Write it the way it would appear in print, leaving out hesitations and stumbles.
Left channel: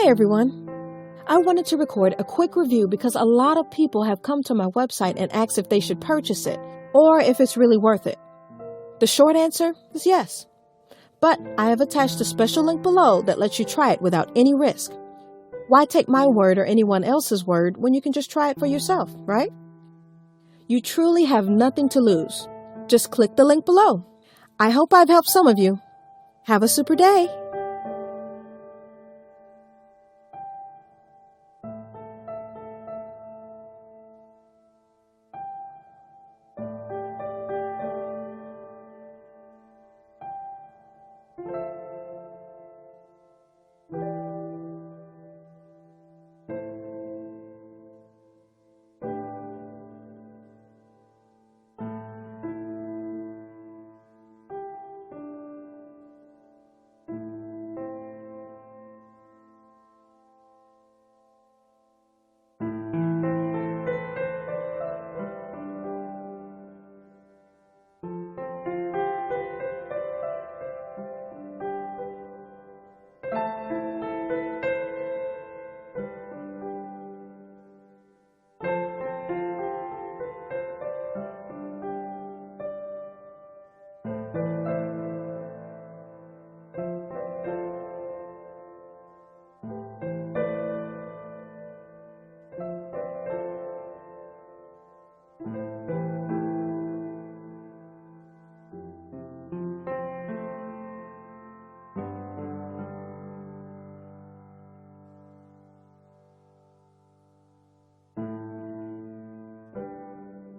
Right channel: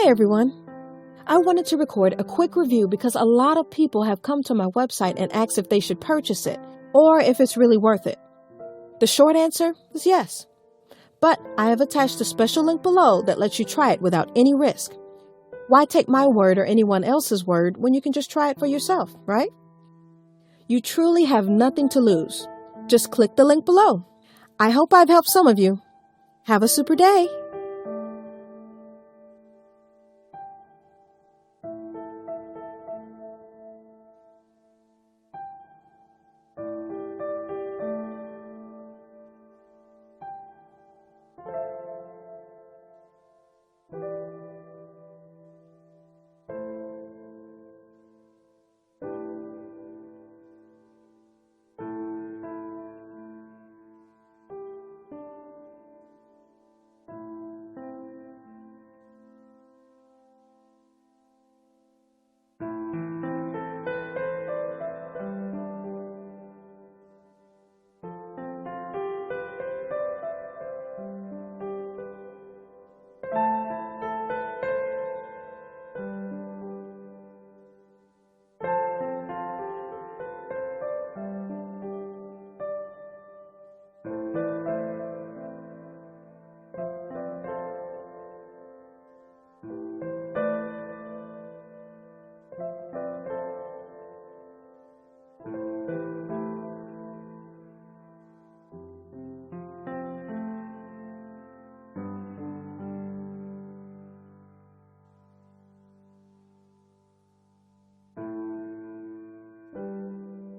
Hey everyone! I wanted to record a quick review because a lot of people have come to my website and asked if they should purchase it or if it's really worth it. The short answer is yes. But I have attached a special link below that lets you try it without any risk. Why take my word or anyone else's word when you can just try it for yourself, right? You truly have nothing to lose. Just click the link below. I hope I've helped some of you. Have a super day!